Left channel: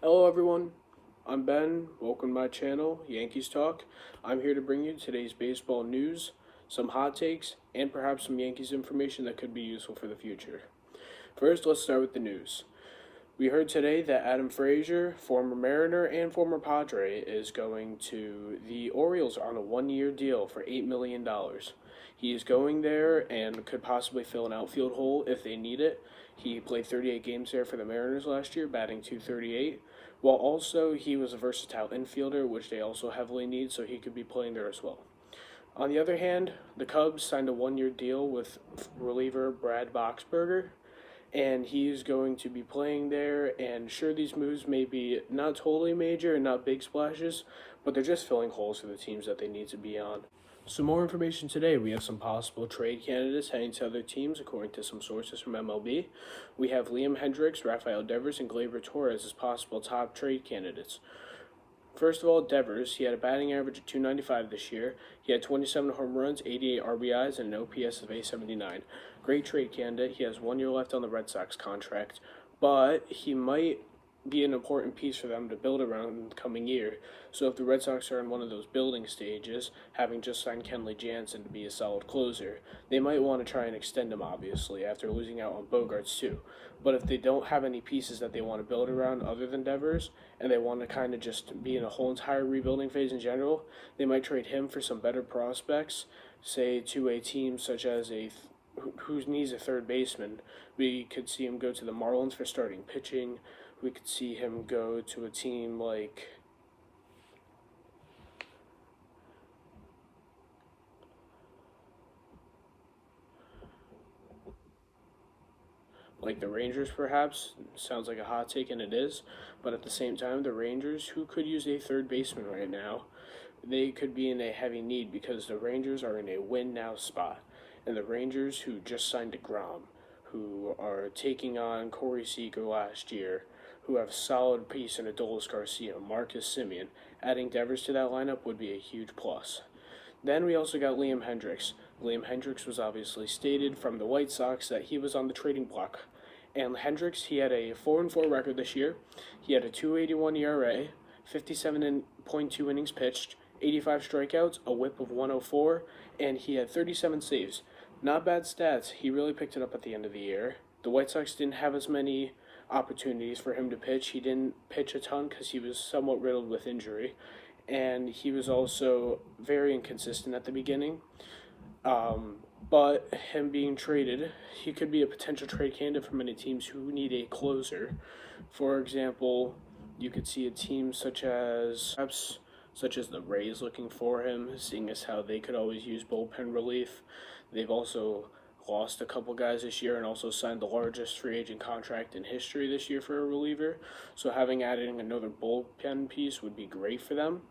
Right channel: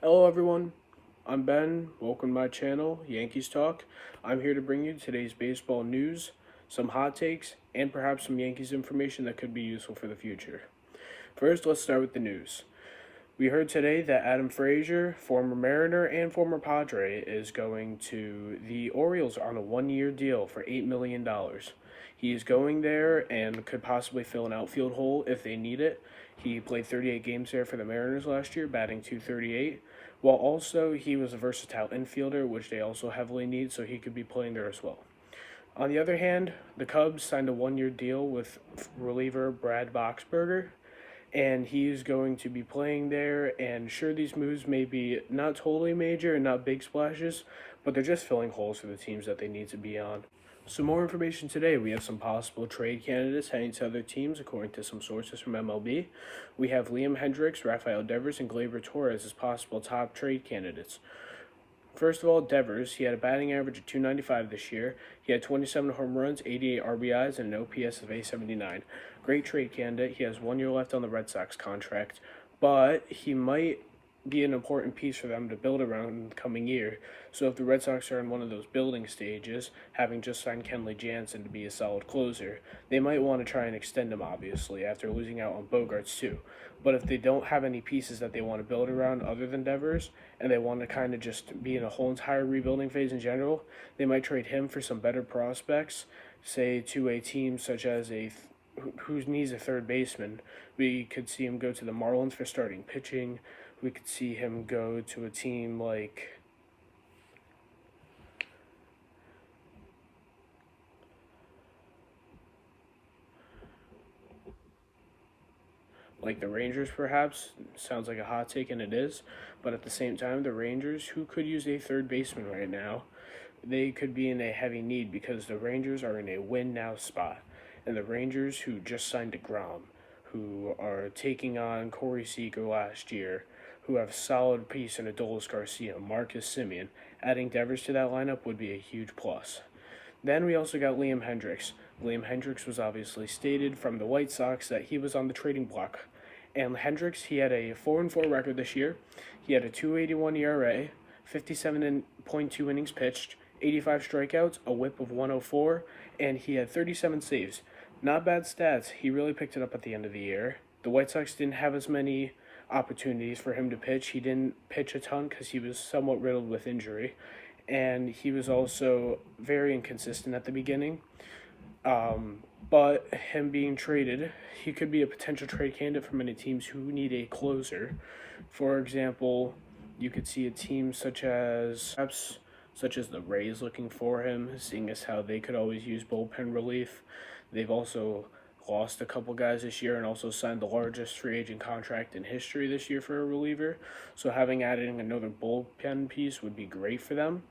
Hello everyone, I'm Ben. Welcome to my channel, Yankees Talk. I'm here to bring you today's baseball news, some hot takes, and perhaps some Yankees information that could be useful for the future. First, let's start with the news. We heard today that Adam Frazier, former Mariner and former Padre, is going to the Orioles on a 1 year deal for $8 million. He is going there and could possibly fill an outfield hole if they need it. He played 38 games there for the Mariners last year, batting .238, while also he was a versatile infielder, which they also heavily need, so he could be playing there as well. On the other hand, the Cubs signed a 1 year deal with reliever Brad Boxberger, and he's going to be playing there. And sure, these moves may be not totally major and not big splashes, but they're just filling holes for the teams that they need to be on. Some more information today. We have some possible trade candidates heading to other teams, according to some sources from MLB. We have Liam Hendriks, Rafael Devers, and Gleyber Torres as possible top trade candidates. First of all, Devers, he had a batting average of .295 this year. He had 27 home runs, 88 RBIs, and an OPS of .879. Great trade candidate. He has 1 year left on the Red Sox contract, but he might be an important piece for them to build around in the coming year. So if the Red Sox are in one of those building stages, having just signed Kenley Jansen to be a solid closer, they might want to try and extend him, obviously, after losing out on Bogarts too. But if they don't have any pieces that they want to build around other than Devers, and they want to kind of just be in a whole entire rebuilding phase in general, they might trade him for some better prospects, say to a team such as who needs a third baseman. We could see him go to the Marlins for starting pitching. We could see him go to a team like the Rangers, perhaps. Sounds like a hot take, and it is. But at the same time, the Rangers, who could use a third baseman right now, they could be in a heavy need because the Rangers are in a win now spot. And the Rangers, who just signed DeGrom, who are taking on Corey Seager last year, who have a solid piece in Adolis Garcia, Marcus Semien, adding Devers to that lineup would be a huge plus. Then we also got Liam Hendriks. Liam Hendriks was obviously stated from the White Sox that he was on the trading block. And Hendriks, he had a 4-4 record this year. He had a 2.81 ERA, 57.2 innings pitched, 85 strikeouts, a whip of 104, and he had 37 saves. Not bad stats. He really picked it up at the end of the year. The White Sox didn't have as many opportunities for him to pitch. He didn't pitch a ton because he was somewhat riddled with injury, and he was also very inconsistent at the beginning. But him being traded, he could be a potential trade candidate for many teams who need a closer. For example, you could see a team such as the Rays looking for him, seeing as how they could always use bullpen relief. They've also lost a couple guys this year and also signed the largest free agent contract in history this year for a reliever. So having added another bullpen piece would be great for them.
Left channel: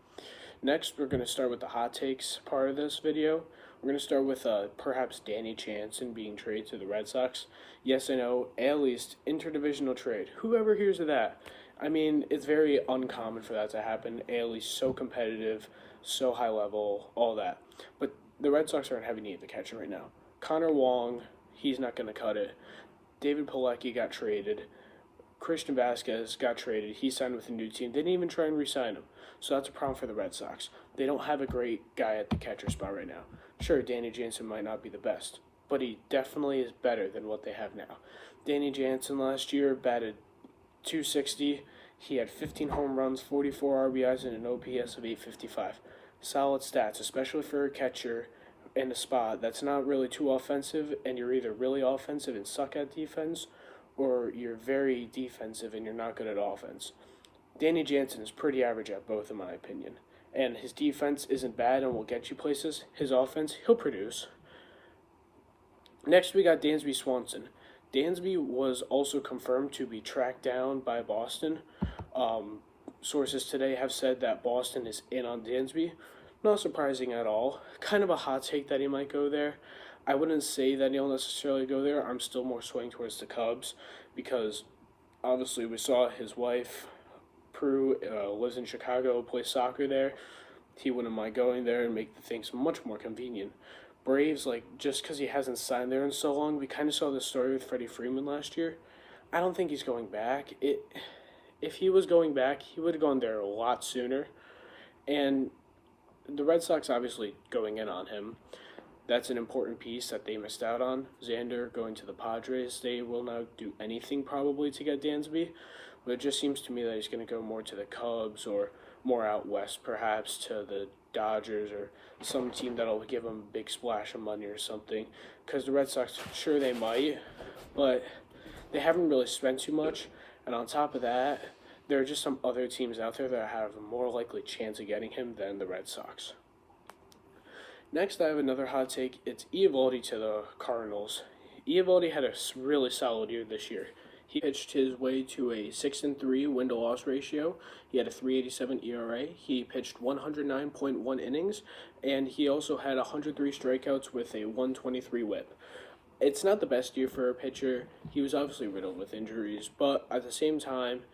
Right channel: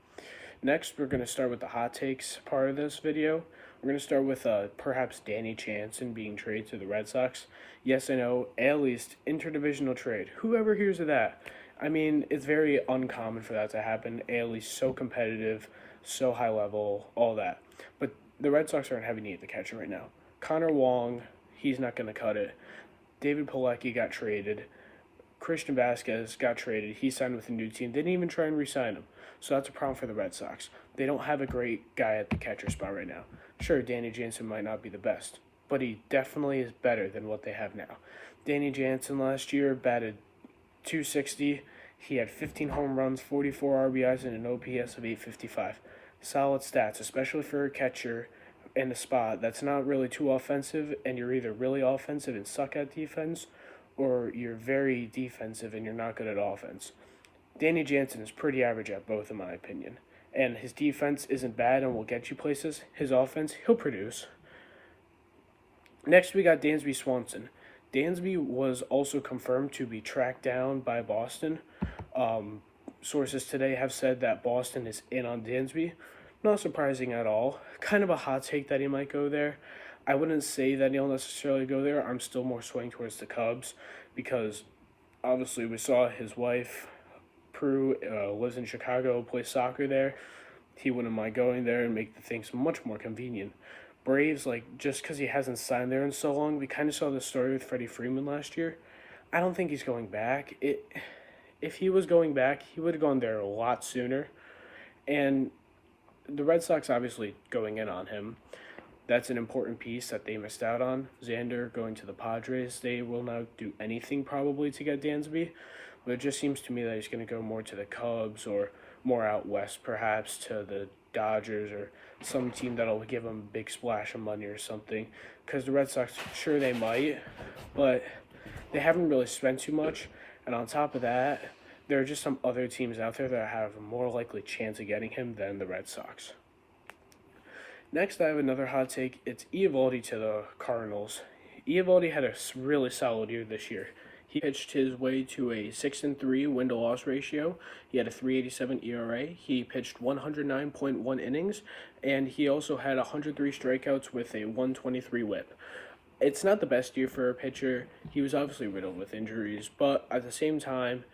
Next, we're going to start with the hot takes part of this video. We're going to start with perhaps Danny Jansen being traded to the Red Sox. Yes, I know, at least interdivisional trade. Whoever hears of that? I mean, it's very uncommon for that to happen. AL East so competitive, so high level, all that. But the Red Sox are in heavy need of the catcher right now. Connor Wong, he's not going to cut it. David Pilecki got traded. Christian Vasquez got traded. He signed with a new team. They didn't even try and re-sign him. So that's a problem for the Red Sox. They don't have a great guy at the catcher spot right now. Sure, Danny Jansen might not be the best, but he definitely is better than what they have now. Danny Jansen last year batted .260. He had 15 home runs, 44 RBIs, and an OPS of .855. Solid stats, especially for a catcher in a spot that's not really too offensive, and you're either really offensive and suck at defense, or you're very defensive and you're not good at offense. Danny Jansen is pretty average at both, in my opinion. And his defense isn't bad and will get you places. His offense, he'll produce. Next, we got Dansby Swanson. Dansby was also confirmed to be tracked down by Boston. Sources today have said that Boston is in on Dansby. Not surprising at all. Kind of a hot take that he might go there. I wouldn't say that he'll necessarily go there. I'm still more swaying towards the Cubs because obviously we saw his wife, Prue, lives in Chicago, plays soccer there. He wouldn't mind going there and make the things much more convenient. Braves, just because he hasn't signed there in so long, we kind of saw the story with Freddie Freeman last year. I don't think he's going back. if he was going back, he would have gone there a lot sooner. And the Red Sox obviously going in on him. That's an important piece that they missed out on. Xander going to the Padres. They will not do anything probably to get Dansby, but it just seems to me that he's going to go more to the Cubs or more out west, perhaps to the Dodgers or some team that'll give him a big splash of money or something. Because the Red Sox, sure they might, but they haven't really spent too much. And on top of that, there are just some other teams out there that have a more likely chance of getting him than the Red Sox. Next, I have another hot take. It's Eovaldi to the Cardinals. Eovaldi had a really solid year this year. He pitched his way to a 6-3 win-to-loss ratio. He had a 3.87 ERA. He pitched 109.1 innings, and he also had 103 strikeouts with a 123 WHIP. It's not the best year for a pitcher. He was obviously riddled with injuries, but at the same time,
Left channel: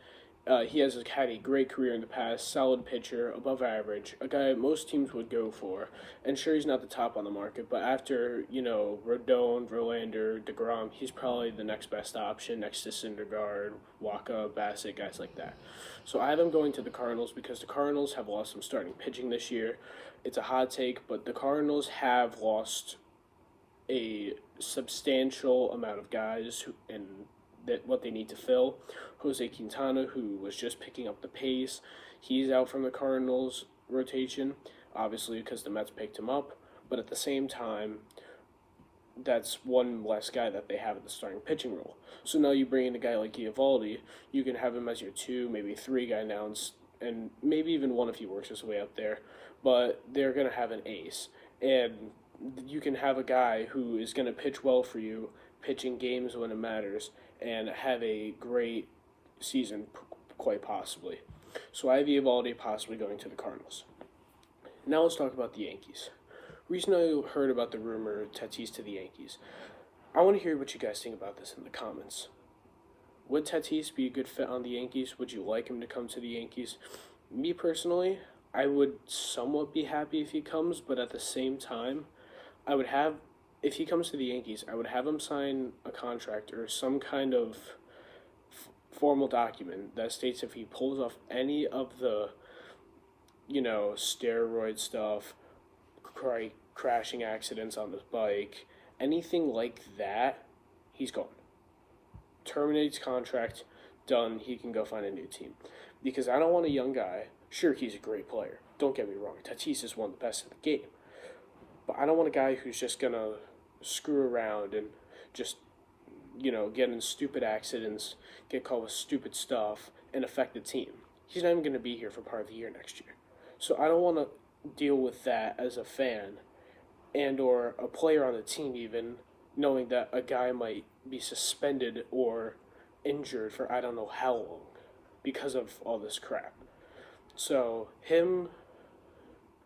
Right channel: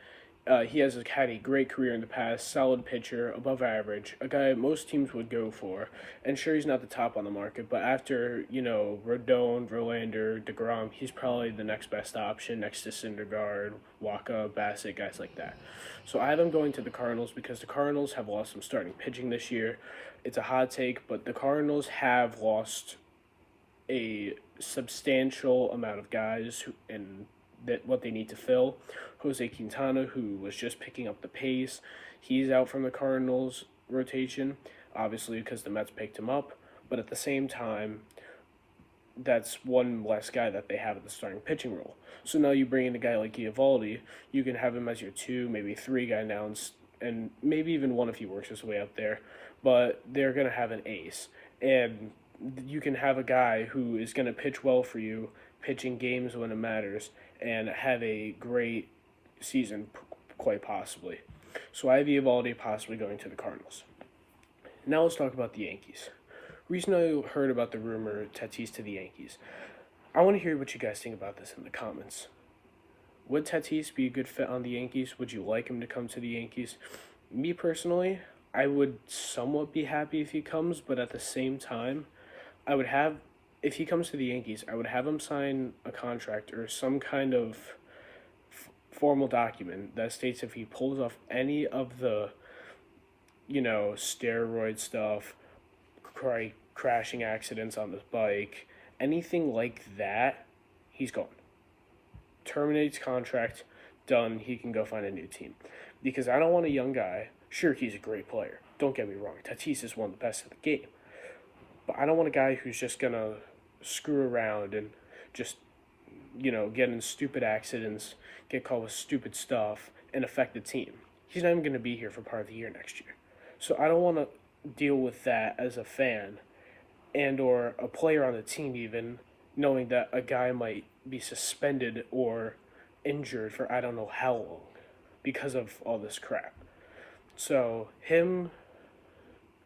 he has had a great career in the past, solid pitcher, above average, a guy most teams would go for. And sure, he's not the top on the market, but after, Rodon, Verlander, DeGrom, he's probably the next best option next to Syndergaard, Waka, Bassett, guys like that. So I have him going to the Cardinals because the Cardinals have lost some starting pitching this year. It's a hot take, but the Cardinals have lost a substantial amount of guys and that what they need to fill. Jose Quintana, who was just picking up the pace, he's out from the Cardinals rotation, obviously because the Mets picked him up, but at the same time, that's one less guy that they have at the starting pitching role. So now you bring in a guy like Eovaldi, you can have him as your 2, maybe 3 guy now, and maybe even 1 if he works his way up there, but they're going to have an ace. And you can have a guy who is going to pitch well for you, pitching games when it matters, and have a great season, quite possibly. So I have Eovaldi possibly going to the Cardinals. Now let's talk about the Yankees. Recently I heard about the rumor Tatis to the Yankees. I want to hear what you guys think about this in the comments. Would Tatis be a good fit on the Yankees? Would you like him to come to the Yankees? Me personally, I would somewhat be happy if he comes, but at the same time, if he comes to the Yankees, I would have him sign a contract or some kind of formal document that states if he pulls off any of the, steroid stuff, crashing accidents on the bike, anything like that, he's gone. Terminates contract, done, he can go find a new team. Because I don't want a young guy. Sure, he's a great player. Don't get me wrong. Tatis is one of the best in the game. But I don't want a guy who's just going to screw around and just, get in stupid accidents, get caught with stupid stuff, and affect the team. He's not even going to be here for part of the year next year. So I don't want to deal with that as a fan and or a player on the team even, knowing that a guy might be suspended or injured for I don't know how long because of all this crap. So him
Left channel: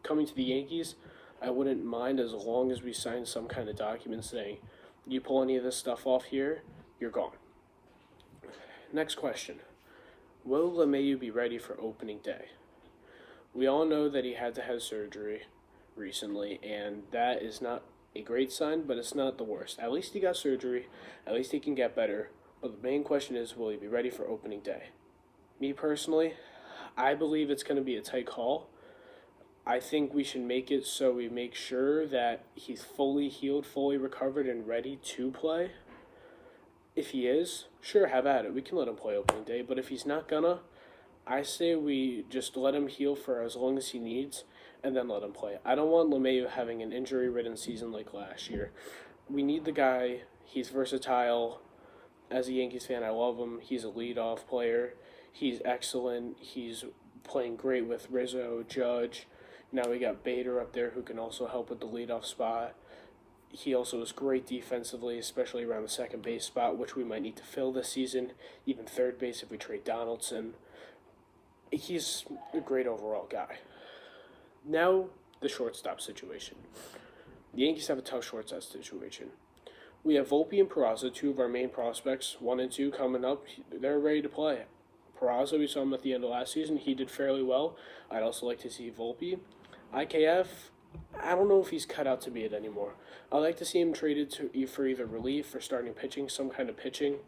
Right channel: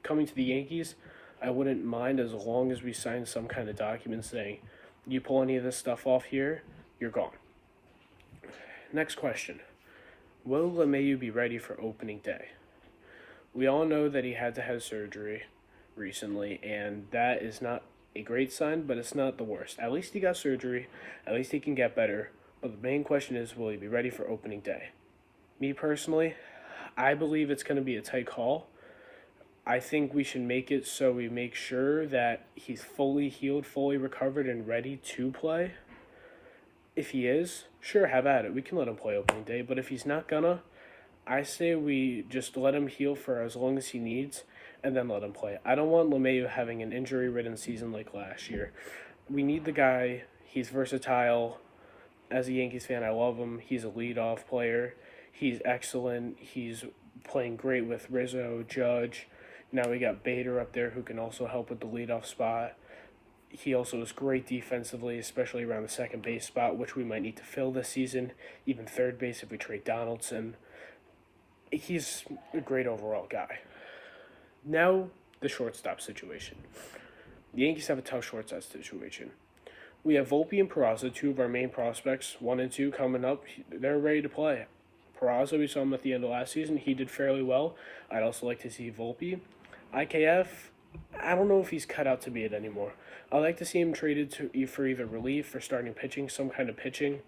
coming to the Yankees, I wouldn't mind as long as we sign some kind of document saying, you pull any of this stuff off here, you're gone. Next question. Will LeMahieu be ready for opening day? We all know that he had to have surgery recently, and that is not a great sign, but it's not the worst. At least he got surgery. At least he can get better. But the main question is, will he be ready for opening day? Me personally, I believe it's going to be a tight call. I think we should make it so we make sure that he's fully healed, fully recovered, and ready to play. If he is, sure, have at it. We can let him play opening day. But if he's not gonna, I say we just let him heal for as long as he needs and then let him play. I don't want LeMahieu having an injury-ridden season like last year. We need the guy. He's versatile. As a Yankees fan, I love him. He's a leadoff player. He's excellent. He's playing great with Rizzo, Judge. Now we got Bader up there who can also help with the leadoff spot. He also is great defensively, especially around the second base spot, which we might need to fill this season. Even third base if we trade Donaldson. He's a great overall guy. Now, the shortstop situation. The Yankees have a tough shortstop situation. We have Volpe and Peraza, 2 of our main prospects, 1 and 2 coming up. They're ready to play. Peraza, we saw him at the end of last season. He did fairly well. I'd also like to see Volpe. IKF, I don't know if he's cut out to be it anymore. I'd like to see him traded for either relief or starting pitching, some kind of pitching.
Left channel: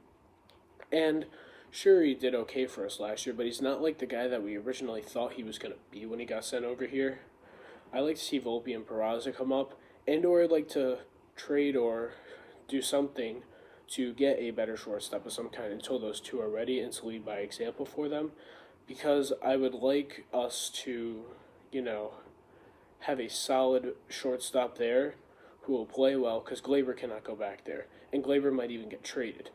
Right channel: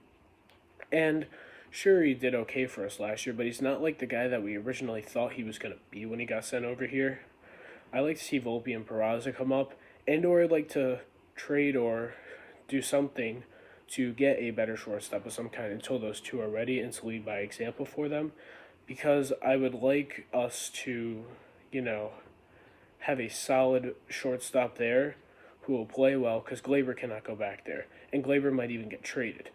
And Sure, he did okay for us last year, but he's not like the guy that we originally thought he was going to be when he got sent over here. I like to see Volpe and Peraza come up, and or I'd like to trade or do something to get a better shortstop of some kind until those two are ready and to lead by example for them, because I would like us to, you know, have a solid shortstop there who will play well, because Glaber cannot go back there, and Glaber might even get traded.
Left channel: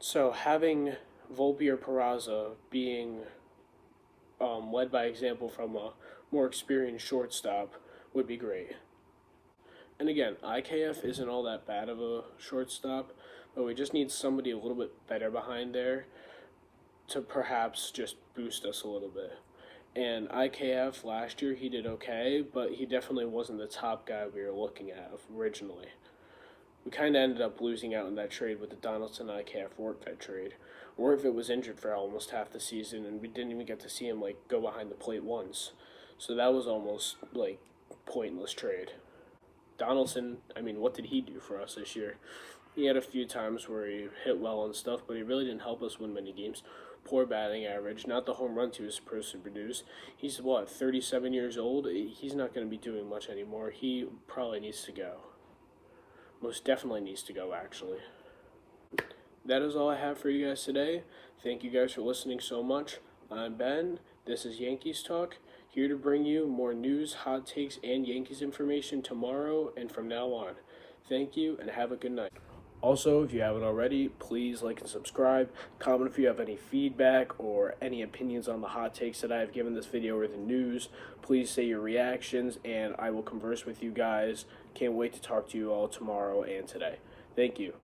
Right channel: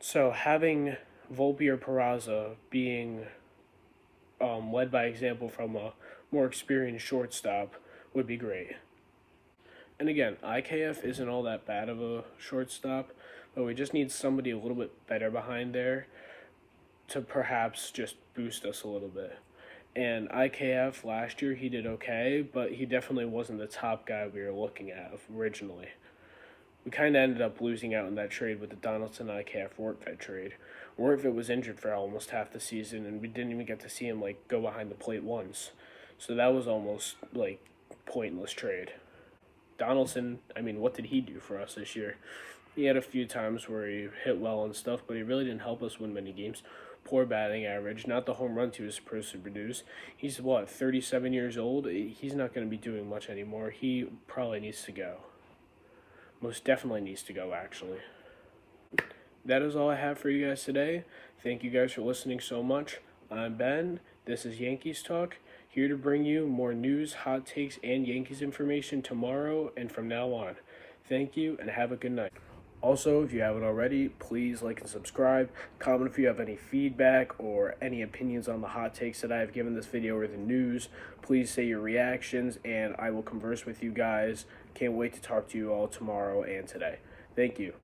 So having Volpe or Peraza being led by example from a more experienced shortstop would be great. And again, IKF isn't all that bad of a shortstop, but we just need somebody a little bit better behind there to perhaps just boost us a little bit. And IKF last year, he did okay, but he definitely wasn't the top guy we were looking at originally. We kind of ended up losing out in that trade with the Donaldson IKF Workvet trade. Workvet was injured for almost half the season, and we didn't even get to see him go behind the plate once. So that was almost pointless trade. Donaldson, I mean, what did he do for us this year? He had a few times where he hit well and stuff, but he really didn't help us win many games. Poor batting average, not the home runs he was supposed to produce. He's 37 years old? He's not going to be doing much anymore. He probably needs to go. Most definitely needs to go, actually. That is all I have for you guys today. Thank you guys for listening so much. I'm Ben. This is Yankees Talk, here to bring you more news, hot takes, and Yankees information tomorrow and from now on. Thank you, and have a good night. Also, if you haven't already, please like and subscribe. Comment if you have any feedback or any opinions on the hot takes that I have given this video or the news. Please say your reactions, and I will converse with you guys. Can't wait to talk to you all tomorrow and today. Thank you.